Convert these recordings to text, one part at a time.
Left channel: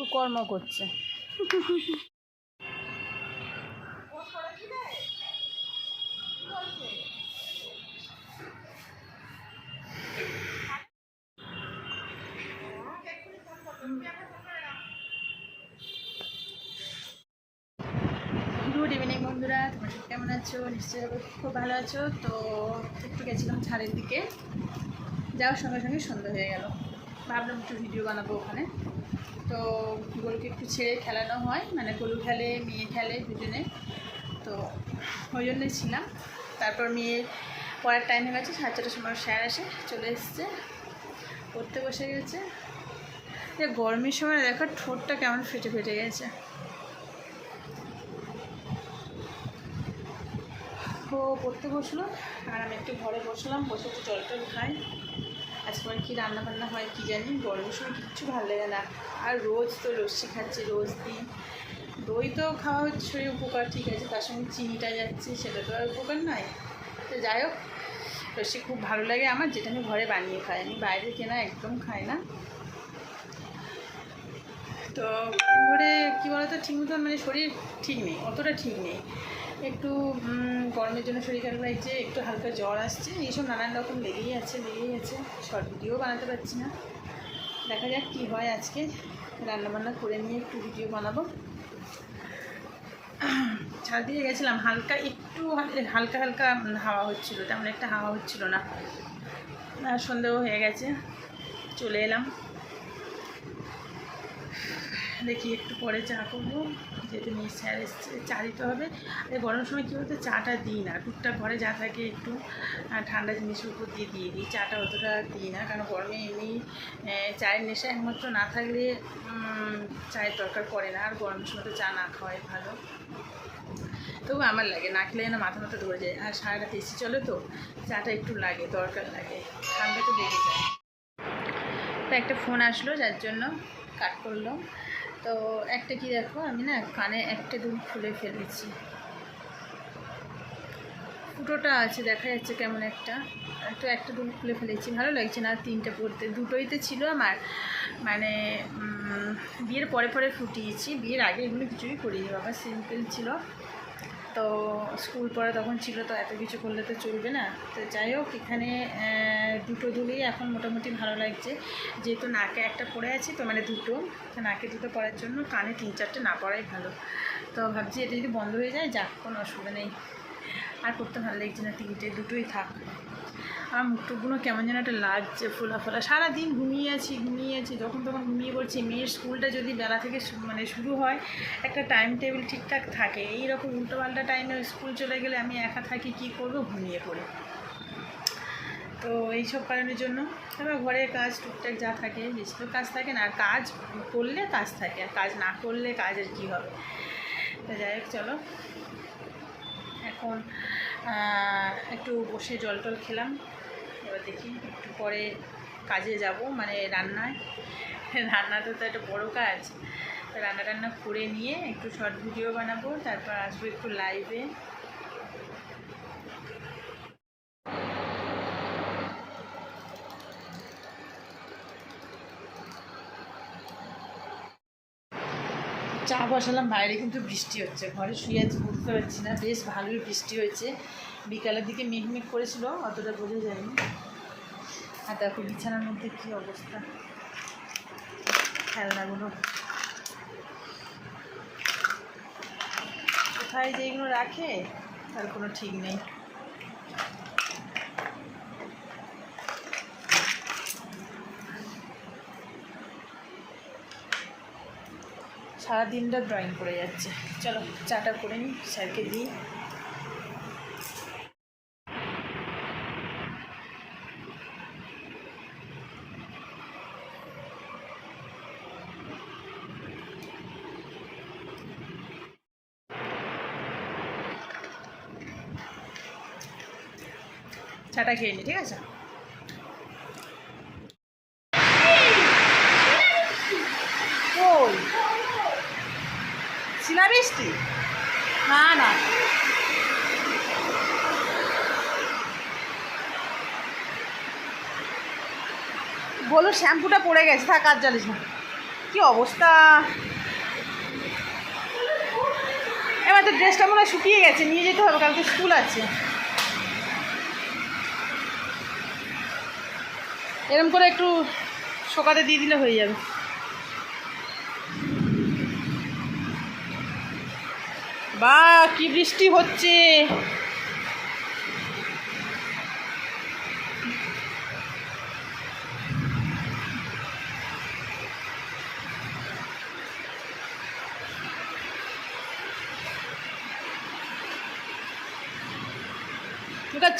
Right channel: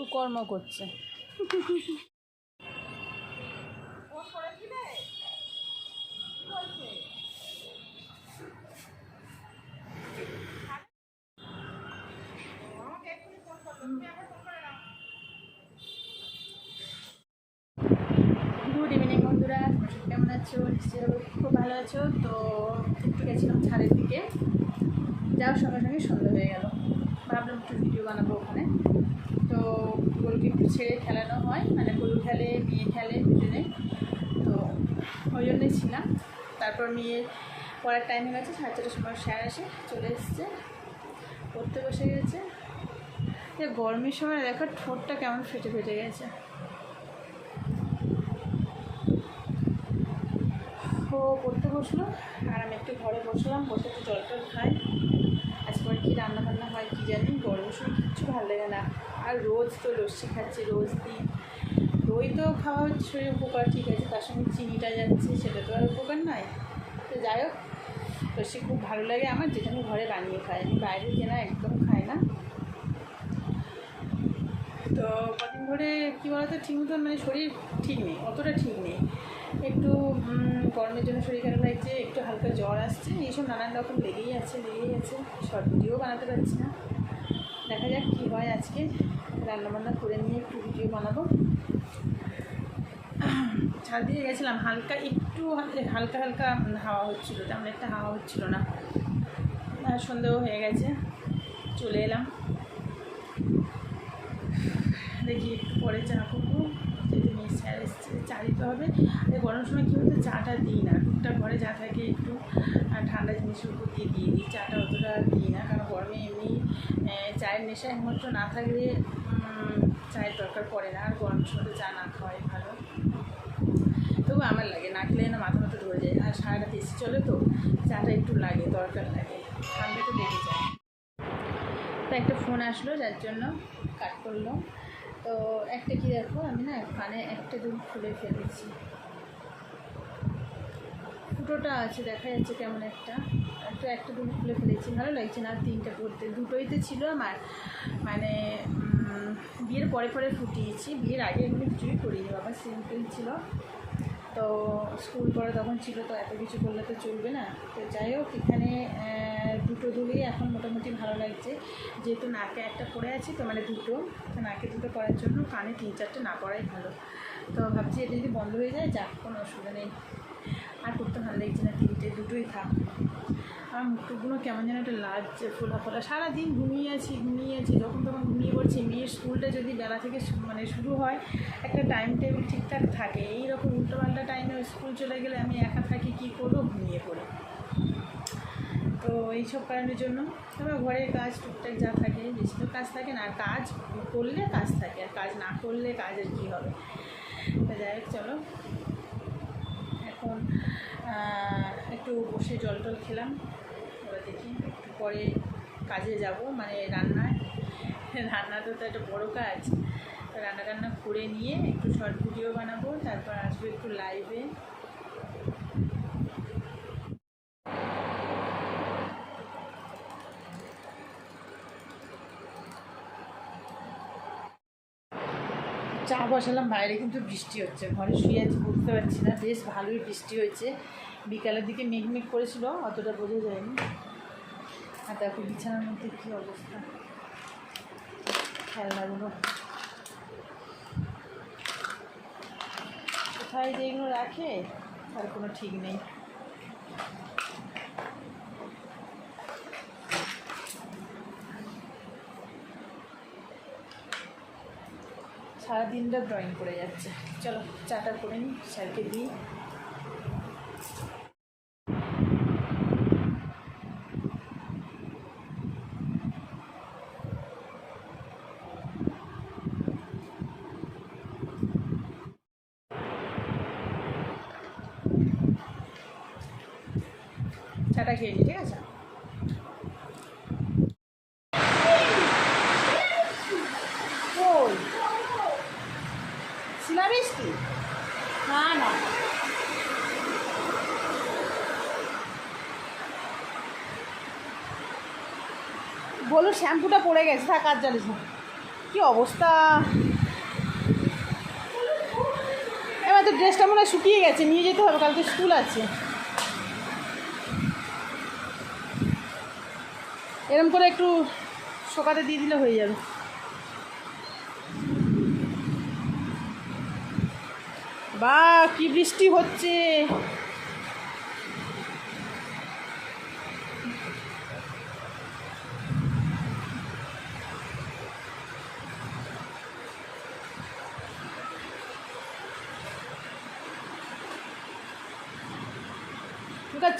কুকর্ম করছে। Good evening বন্ধুরা। কেমন আছো? নিশ্চয়ই খুব ভালো আছো। তো একটু গেছিলাম ছাড়ের দিকে। যাওয়ার সঙ্গে সঙ্গে সন্ধ্যা হয়ে গেল। ভাবলাম একটু ভিডিও বানাবো ওখানে। তো গরুকে একটু ছেড়ে খেলানো হয় মানে গরু খেলে, মেয়ে খেলে দুজনে। তো ওই জন্যই ছিলাম। তারপর মেয়ে পড়ার টাইম হয়ে গেছে, সাড়ে চারটার সময় স্যার আসে চলে এসছে। পড়তে বসে গেছে। গরমের সময় দেখো, ঠোঁটটা কেমন ফেটে ফেটে গেছে। ও পড়তে বসল, আর আমি একটু ঘরে বসলাম, বসে একটু জল টল খাই। আজকে কি কী রান্না বান্না হয় কী জানি, গরমের সময় কিচ্ছু ভালো লাগে না। আর রোজ তো লস্যি খাচ্ছি, রোজ দিন। দই তো খাওয়া হচ্ছে শরীর উপকার ঠিক আছে, তার সঙ্গে চিনিটা যাচ্ছে, সেটা তো আর উপকার নয়। তো যাই হোক, লস্যি খুব ভালো লাগে আমার, যেটা আমি ঘরে বানিয়ে খাই। আমি বাইরে কেনা একদম খাই না। তো কদিন ধরে কী বলতো, ঠিক মতন মানে শরীর ঠিক নেই, অতটা ঠিক নেই। একটু গরমের জন্য শরীর খারাপ লাগছে, একটু হালকা জ্বর আসছে, এইসব নানান রকম লেগেই আছে লেগেই আছে শর্ট ভিডিও বানাতে পারছি না। দেখা যাক কী হয় আজকে, রান্নাবান্না করে নিয়ে একটু ভিডিও বানাবো। ছাদ দিয়ে গেছিলাম, হালকা একটু হালকা হালকা হাওয়া হচ্ছিল, তেমন একটা হাওয়া হচ্ছিল না। সন্ধেও হয়ে গেছে, চলে এলাম। দেখি, একটু পরে চা করব। যেহেতু মেয়ে স্যার এসছে, চা দিতে হবে। আর গরম সময় কী হতো চাটা দিই না। টুকটাক ঘরে যা থাকে একটু ঠান্ডা জিনিসের উপর দিয়ে দিয়ে দিই। চাটা অতটা দিই না, কারণ গরমে এমনি চায়ের নেশা একমাত্র না থাকলে চায়ের দরকার পড়ে না। আর গরমের সময় তো চা না খাওয়াই ভালো। তবু আমার লাগে, না খেলে না মাথা মাথা ধরে যায়। আর সারা রাত চলে তো, চাটা একটু লাগে, দরকার লাগে। ঠান্ডা তো লেগে যায়। তা একটা ফোন আসলো, যার জন্য কাট করল। তো একটা কি দেখো, আমি না কানে একটা দুল খুলে ফেলেছি। ফুটোটা আছে, দেখা যাচ্ছে কেমন একটা। তো একটা দুল খুলে ফেলেছি, ভালো লাগছে না তিনটা পড়তে। দুটোইতে ছিল আমার। মানে বিয়ের পরে পরে ফুটিয়েছি। বিয়ের আগে এগুলো কিছুই করিনি বাবা সিম্পল ছিল। তো স্কুল পড়া তখন ছিল, তো এত কিছু করলে তো চলবে না। তো যাই হোক, এখানে দুটো দুলেই এখন মোটামুটি ভালো লাগছে। যেহেতু নাকে একটা পড়ে আছে, তো মানে দুটো। নাকে দুটো পড়ার জন্য কানে তিন চারটে না পড়াই ভালো। তো ভাবছি এটা যদি বন্ধ হয়ে যায়, যাক, কোনো অসুবিধা নেই। আর করতে ভালো লাগছে না, তিনটে দুটোই থাক। আমার মুখটুকগুলো কেমন যেন একটা লাগছে, ফোলা ফোলা। সারাদিন ঘুমিয়ে আছি ঘুমিয়ে আছি, যখন তখন ঘুমিয়ে পড়ছি। মেয়ের স্কুলটা যদি বেলা থেকে মানে শুরু হয়, একটা টাইম টেবিল ঠিকঠাক থাকে। এই রকম উল্টোপাল্টা টাইমে স্কুল চলে গেলে আমি একা থাকি, কী করব? ঘুমিয়ে পড়ে। তো এইসব কারণের জন্য তারপর ঘরের কাজ টুকটাক যা থাকে, বেশি তো কাজ থাকে না। আর কাজ করলে কাজ থাকে, আর কাজ না করলে কাজের কী হবে? তো যাই হোক, চলো। এখন একটু বসে জল টল খেলাম। এবার দেখি একটু পরে কাজে যাব মানে রান্নায়। রান্নাটা তো একটা বড়ো কাজ। তো রান্না টান্না করে নিয়ে একটু শর্ট ভিডিও বানাবো, তারপর আসব একটু লাইভে চা বসালাম, বাইরে কিন্তু বৃষ্টি হচ্ছে। ঘরে শুয়ে আছি, বুঝতে পারছি না। বেশ ভালোই বৃষ্টি হয়েছে। বিকালের দিকে মেঘমেঘ করেছিল, অতটা বোঝা যায়নি। আর দেখো, বিছানার মধ্যে কী অবস্থা। খেলনাগুলো। কোথায় যে এগুলো রাখে, তার কোনো ঠিক নেই। সারাদিনটা ড্রয়িং করে যাচ্ছে। চলো, চাটা করে নিই স্যারকে দিই। চাটা খেয়ে নিই ঠিক আছে? শিলাবৃষ্টি না না। বলো, শ্যাম্পুটা পড়ে গেছে, থাক কাজ জানিস না। কি অবস্থা? এবার তো ড্রেসটা মনে হয় শুকিয়ে গেছে, নিয়ে যেতে হবে, কালকে স্কুল আছে। এরকম করে একটু শোকাতে দিয়ে দিলে হয়ে যাবে। বা, কি বৃষ্টি হচ্ছে?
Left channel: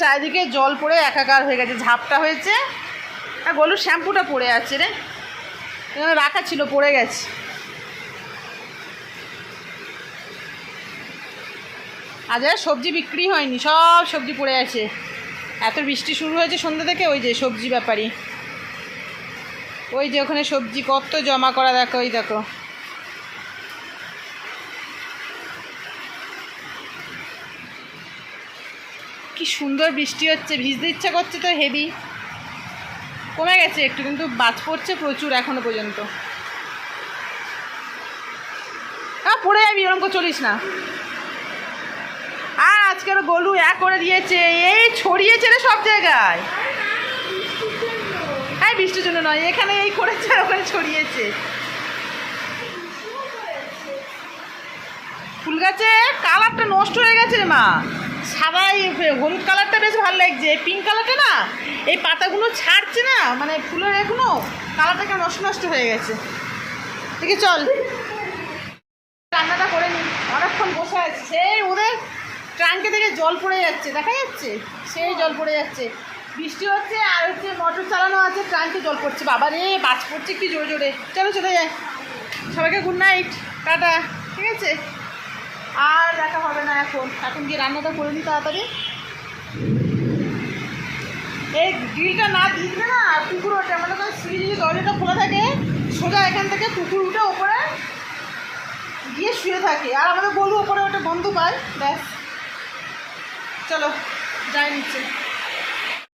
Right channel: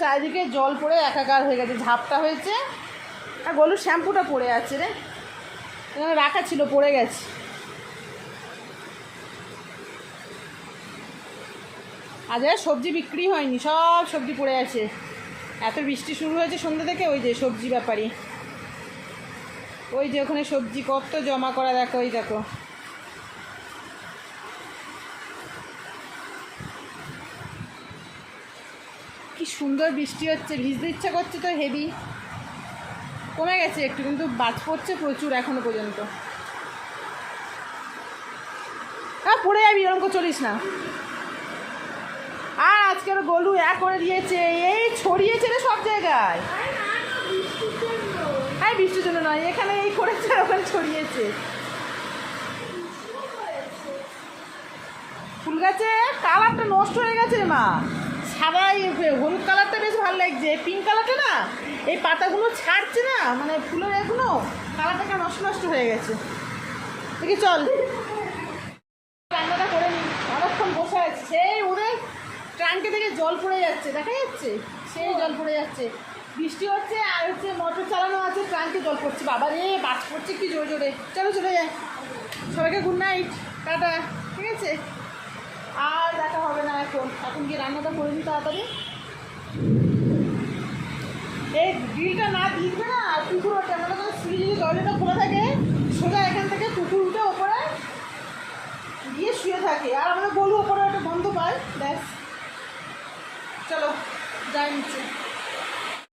চারিদিকে জল পড়ে একাকার হয়ে গেছে, ঝাপটা হয়েছে। আর গলুর শ্যাম্পুটা পড়ে আছে রে। রাখা ছিল, পড়ে গেছে। আজ আর সবজি বিক্রি হয়নি, সব সবজি পড়ে আছে। এত বৃষ্টি শুরু হয়েছে সন্ধ্যা থেকে, ওই যে সবজি ব্যাপারী। ওই যে ওখানে সবজি কত জমা করা, দেখো ওই দেখো। কি সুন্দর বৃষ্টি হচ্ছে, ভিজতে ইচ্ছা করছে তো হেভি কমে গেছে একটু, কিন্তু বাজ পড়ছে প্রচুর এখনও পর্যন্ত। হ্যাঁ পড়ে যাবি, এরকম চলিস না। আজকের গলু এক করে দিয়েছে। এই ছড়িয়েছে রে সব জায়গায়। হ্যাঁ বৃষ্টির জন্য নয়, এখানে এই করেছে আর ওখানে ছড়িয়েছে। ফুল গাছে, কালারটা নষ্ট হয়ে গেছে রে মা। সাদা এই হলুদ কালারটা বেশ ভালো লাগছে। পিঙ্ক কালারটা না, এই পাতাগুলো ছাড়ছে না মানে ফুলের এখনও কালারটা কেন নষ্ট নষ্ট হয়ে গেছে। দেখি চল। রান্নাটা করে নি, অনেকক্ষণ বসে আছে। সেই ওদের ট্রাঙ্কে থেকে জল পড়ে যাচ্ছে, দেখা যাচ্ছে? সেই জল পড়ে যাচ্ছে। বৃষ্টি হচ্ছে আর হচ্ছে মোটর চালানো আছে, ট্রাঙ্কে জল পড়ছে। বাবা রে বাজ পড়ছে কি জোরে জোরে। চলো চলে যায় সবাইকে গুড নাইট টাটা, ঠিক আছে? আর দেখা হবে না এখন। এখন গিয়ে রান্নাটা করে নিই তাড়াতাড়ি। এই গ্রিলটা না দিলে না কুকুর ওঠে মানে তো সিঁড়ি যদি দরজাটা খোলা থাকে, সোজা এখান থেকে কুকুর উঠে ওপরে গিয়ে শুয়ে থাকে। আর আমাদের গলু ওপরে ওটা বন্ধ পায়, ব্যাস। চলো যাই নিচ্ছে